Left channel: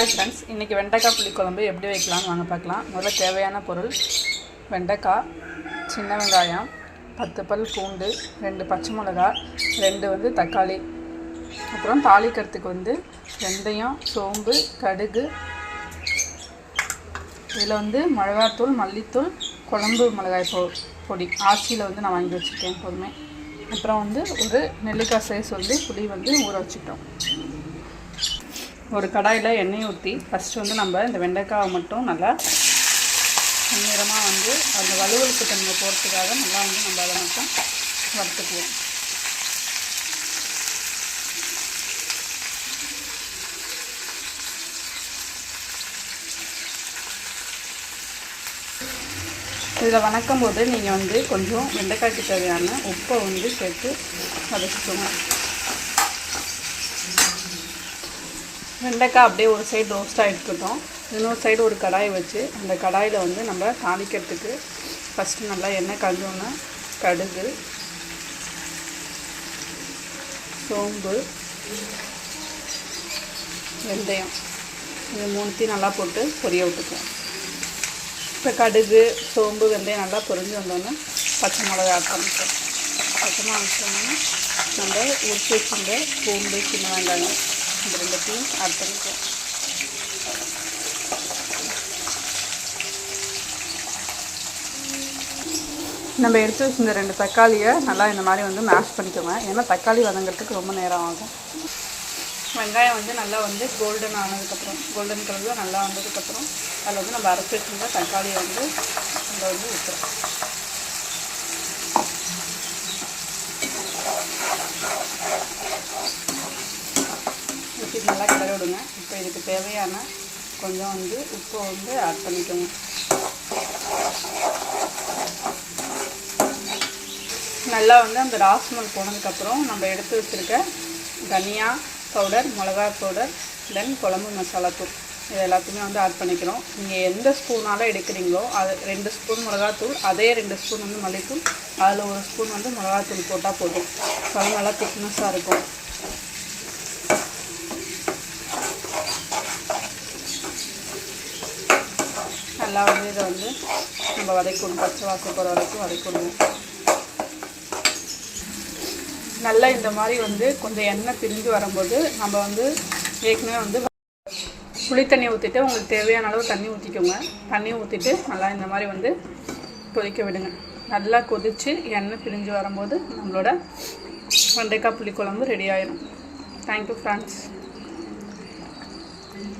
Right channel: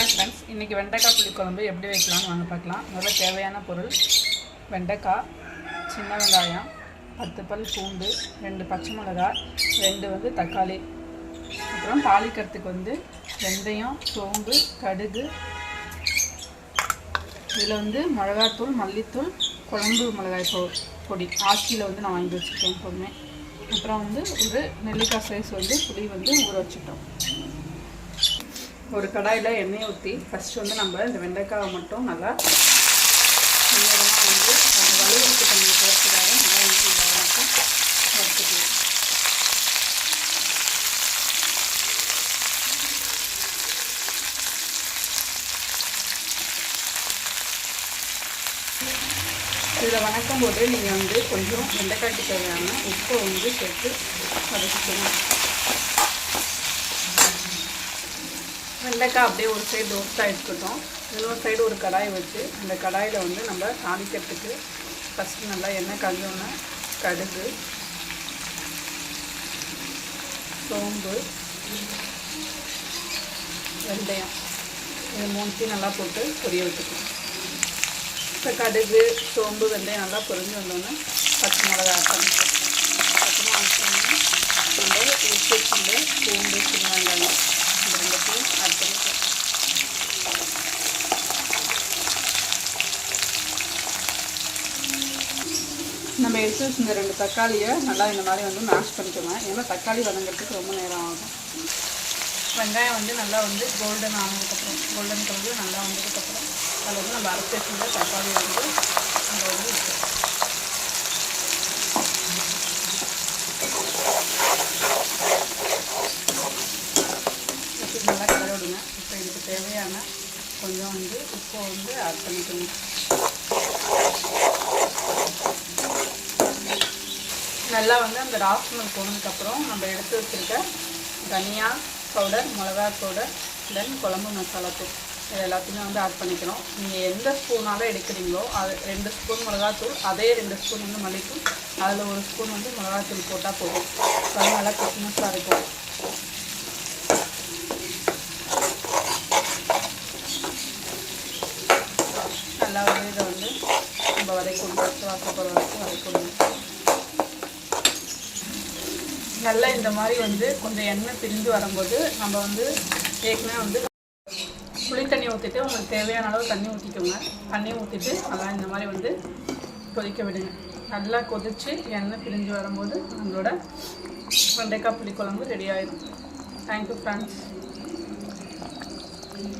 Hi friends, இன்றைக்கி வெண்டைக்காய் புளிக்குழம்பு எப்படி வைக்கலாம்னு வாங்க பார்க்கலாம். முதல்ல தேவையான பொருள் வெண்டைக்காய், சின்ன வெங்காயம், 10 பல் பூண்டு, 2 பச்சை மிளகாய், 2 தக்காளி, அப்புறம் தாளிக்கிறதுக்கு வெந்தயம், சோம்பு, கடுகு, இதில் மிளகாத்தூள், மல்லித்தூள், குழம்பு மிளகாய் பொடி ஆச்சியில் நான் வாங்கி வச்சுருக்கேன் எப்போதுமே. அப்புறம் ஒரு நெல்லிக்காய் சைஸ் புளி ஊற வச்சுட்டோம். ஒரு கடாயில் எண்ணெய் ஊற்றி ஃபஸ்ட்டு நம்ம இந்த வெண்டைக்காவை மட்டும் நல்லா நேரமாக அந்த வலுவலுப்பு தன்மை போகிறதுக்காக நல்லா நம்ம அதை மட்டும் வறுத்துக்கலாம். இதில் வணக்கும் போது நீங்கள் கொஞ்சம் வெண்டைக்காய்க்கு தேவையான உப்பை சேர்த்து வதக்கிக்கணும். வெண்டைக்காய் அப்படியே ஒரு சைடு ரோஸ்ட்டாக இருக்கட்டும். இன்னொரு சைடு ஒரு கடாயை வச்சு அந்த கடாயில் நம்ம தாளிக்கிறதுக்கு ஃபஸ்ட்டு நல்லா எண்ணெய் காஞ்சோன்னா கடுகு, சோம்பு, வெந்தயம் இது மூணுத்தையும் நல்லா போட்டு பொரிய விட்டுக்கலாம். இப்போ கடுகு, சோம்பு, வெந்தயம் நல்லா பொரிஞ்சு வந்தோன்னே பச்சை மிளகா ஆட் பண்ணிக்கலாம். அப்புறம் ஆட் பண்ணி நம்ம உரிச்சு வச்சுருந்த பூண்டு, சின்ன வெங்காயம் இந்த ரெண்டுத்தையும் ஆட் பண்ணிக்கலாம். நம்ம எடுத்து வச்சுருந்த 2 தக்காளியை நல்லா இந்த மாதிரி மேஷ் பண்ணிக்கோங்க. ஏன்னா தக்காளி வதங்கிறதுக்கு ரொம்ப நேரம் ஆகும். வெங்காயம் நல்லா கோல்டன் ஆனதுக்கப்புறம், கோல்டன் கலரில் நல்லா வந்ததுக்கப்புறம் அதில் நம்ம அரைச்சி வச்சுருந்த தக்காளி அங்கே ஊற்றணும். நல்லா கலர் விடுங்க. இப்போ இதுக்கு தேவையான கொஞ்சம் உப்பு ஆட் பண்ணிக்கோங்க. நல்லா அந்த ராஸ்மல் போனதுக்கப்புறம் நம்ம எடுத்து வச்சுருக்க தனியா பவுடர், மிளகா பவுடர், தென் குழம்பு மசாலா தூள் இது எல்லாத்தையுமே ஆட் பண்ணிக்கிறோம். நீங்கள் எந்த ஸ்பூனால் எடுக்கிறீங்களோ அது 2 ஸ்பூன் மிளகாத்தூள், அதே 2 ஸ்பூன் மல்லித்தூள், அதில் 1 ஸ்பூன் மிளகாத்தூள் போட்டால் போதும். அது நல்லா திக்னஸாக இருக்கும். நல்லா இதை நம்ம வதக்கணும். பச்சை வாசம் போகிற வரைக்கும் வதக்கணும். நல்லா இந்த மாதிரி கொஞ்சம் எண்ணெய் பிரிஞ்சு வரும்போது நம்ம ஏற்கனவே புளி தண்ணி ஊற்றிட்டு உங்களுக்கு தேவையான அளவு தண்ணி ஊற்றிக்கோங்க. தண்ணி ஊற்றிட்டு நல்லா இந்த மாதிரி கொதிக்க விடுங்க. நல்லா கொதித்து எண்ணெய் பிரிஞ்சு வரும்போது நம்மளோட வெண்டைக்காய் புளிக்குழம்பு ரெடி ஆயிடும். Thank you friends.